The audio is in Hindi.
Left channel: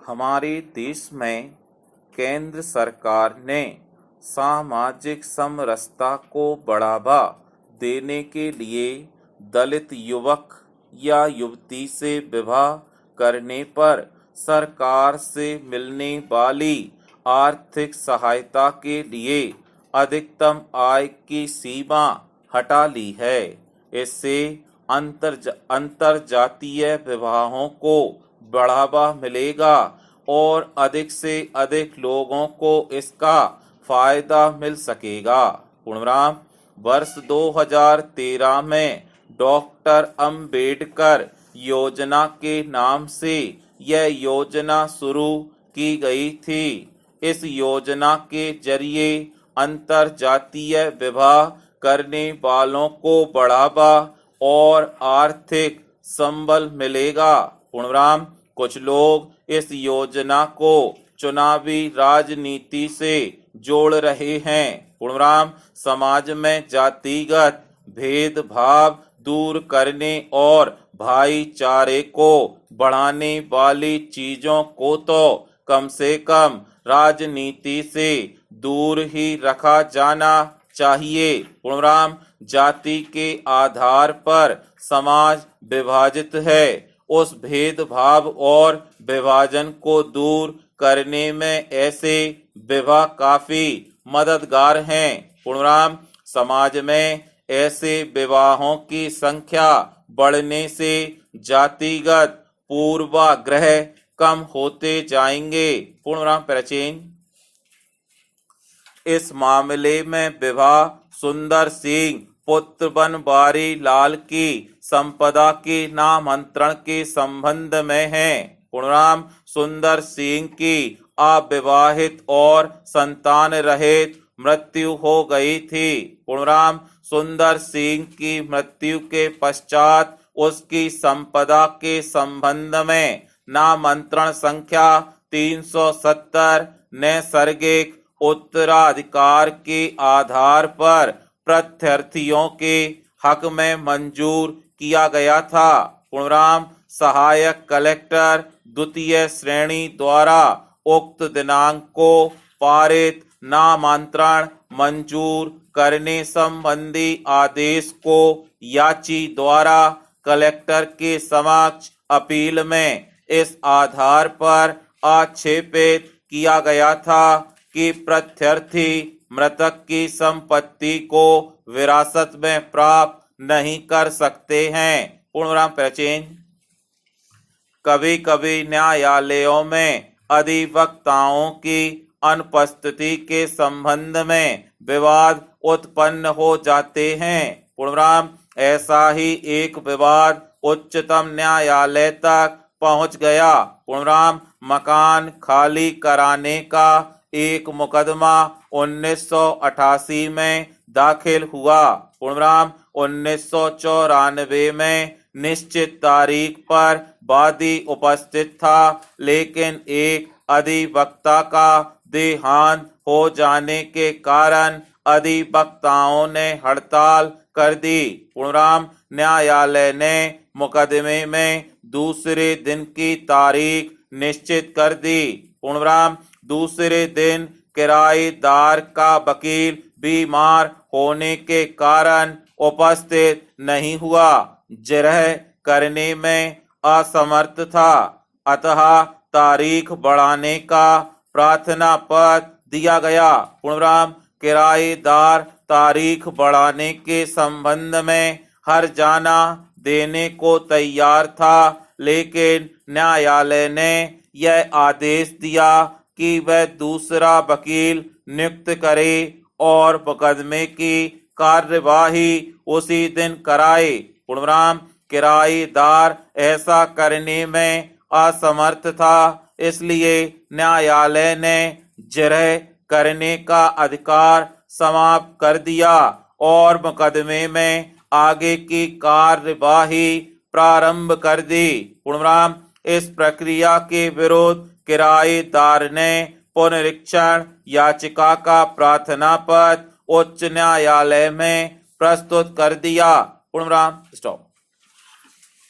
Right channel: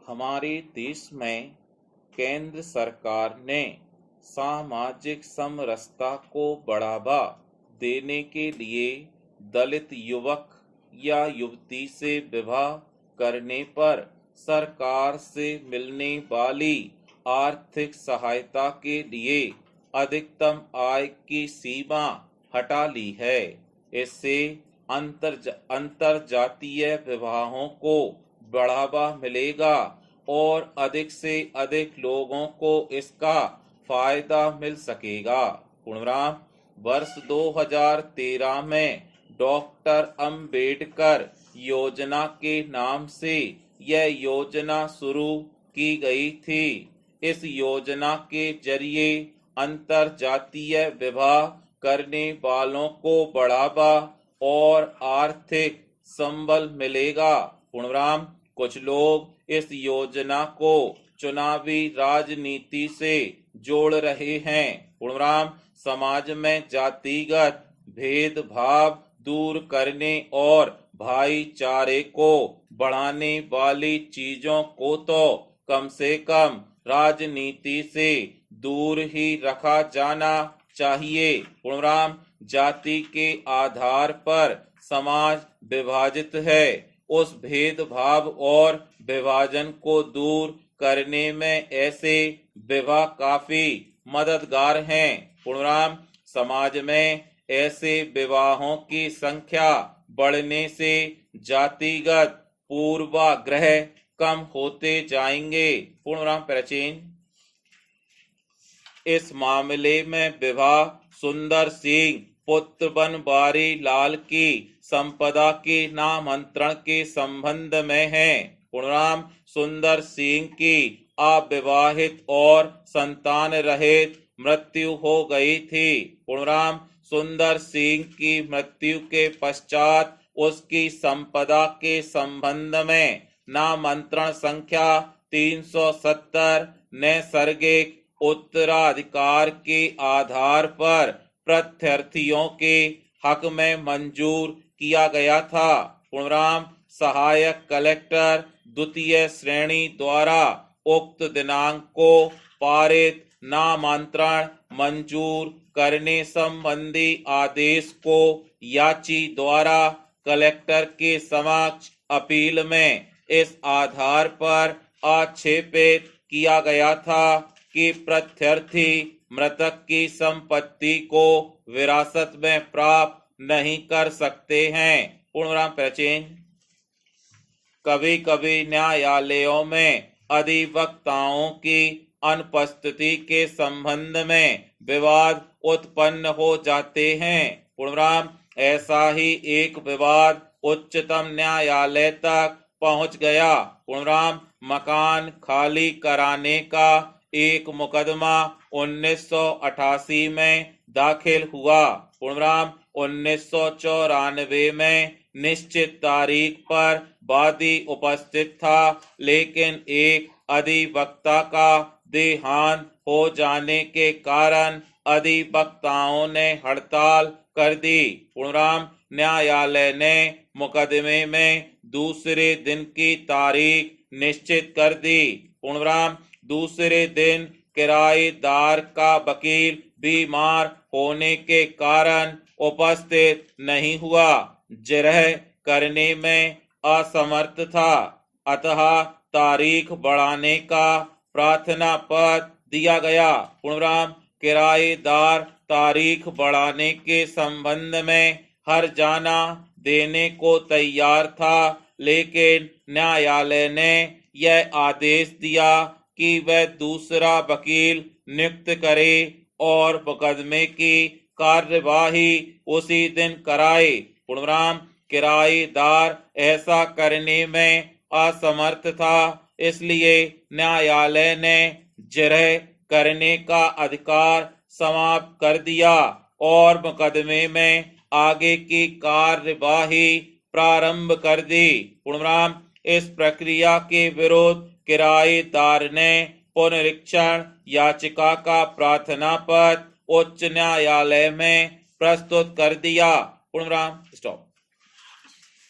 हमारे देश में केंद्र सरकार ने सामाजिक समरसता को बढ़ावा देने के लिए दलित युवक या युवती से विवाह करने पर सरकार से मिलने वाली आर्थिक सहायता के लिए अधिकतम आय की सीमा हटा ली है। इससे अंतरजातीय विवाहों को बढ़ावा मिलेगा और अधिक से अधिक लोगों को इसका फायदा मिल सकेगा। पूर्णविराम। वर्ष 2013 में डॉक्टर अंबेडकर योजना के नाम से यह योजना शुरू की गई थी। इस योजना के जरिए अंतरजातीय विवाह करने वालों को बढ़ावा और आर्थिक संबल मिलेगा। पूर्णविराम। कुछ लोग इस योजना को चुनावी राजनीति से जोड़ रहे हैं। पूर्णविराम। समाज में जातिगत भेदभाव दूर करने और भाईचारे को बढ़ाने वाली चीजों को तो कम से कम राजनीति से दूर ही रखा जाना चाहिए। पूर्णविराम। जाति के आधार पर समाज विभाजित है। उस भेदभाव और विभाजन को दूर करने में ऐसे विवाह काफी मददगार हैं। पूर्णविराम। समाज में ऐसे विवाहों की संख्या बढ़ने से जातिगत पूर्वाग्रह कम होते जाएंगे। पूर्णविराम। प्राचीन। इस मामले में विवाह सुंदर सिंह पुत्र बनवारी लाल की संपदा के नामांतरण के संबंध में है। पूर्णविराम। सुंदर सिंह की अविवाहित और संतान रहित मृत्यु हो गई थी। पूर्णविराम। सुंदर सिंह की मृत्यु के पश्चात उसकी संपदा के संबंध में नामांतरण संख्या 370 नैसर्गिक उत्तराधिकार के आधार पर प्रत्यार्थियों के हक में मंजूर किया गया था। पूर्णविराम। सहायक कलेक्टर द्वितीय श्रेणी द्वारा उक्त दिनांक को पारित नामांतरण मंजूर करने संबंधी आदेश को याची द्वारा कलेक्टर के समक्ष अपील में इस आधार पर आक्षेपित किया गया था कि प्रत्यार्थी मृतक की संपत्ति को विरासत में प्राप्त नहीं कर सकते हैं। पूर्णविराम। प्राचीन। कभी कभी न्यायालयों में अधिवक्ताओं की अनुपस्थिति के संबंध में विवाद उत्पन्न हो जाते हैं। पूर्णविराम। ऐसा ही एक विवाद उच्चतम न्यायालय तक पहुंच गया। पूर्णविराम। मकान खाली कराने का एक मुकदमा 1988 में दाखिल हुआ। पूर्णविराम। 1994 में निश्चित तारीख पर वादी उपस्थित था, लेकिन एक अधिवक्ता का देहांत हो जाने के कारण अधिवक्ताओं ने हड़ताल कर दी। पूर्णविराम। न्यायालय ने मुकदमे में दूसरे दिन की तारीख निश्चित कर दी। पूर्णविराम। दूसरे दिन किराएदार का वकील बीमार होने के कारण उपस्थित नहीं हुआ, जिरह करने में असमर्थ था, अतः तारीख बढ़ाने का प्रार्थना पत्र दिया गया। पूर्णविराम। किराएदार तारीख बढ़ाने के संबंध में हर्जाना देने को तैयार था, लेकिन न्यायालय ने यह आदेश दिया कि वह दूसरा वकील नियुक्त करे और मुकदमे की कार्यवाही उसी दिन कराए। पूर्णविराम। किराएदार ऐसा करने में असमर्थ था, इसलिए न्यायालय ने जिरह करने का अधिकार समाप्त कर दिया और मुकदमे में आगे की कार्यवाही प्रारंभ कर दी। पूर्णविराम। इस प्रक्रिया के विरुद्ध किराएदार ने पुनरीक्षण याचिका का प्रार्थना पत्र उच्च न्यायालय में प्रस्तुत कर दिया। पूर्णविराम। स्टॉप।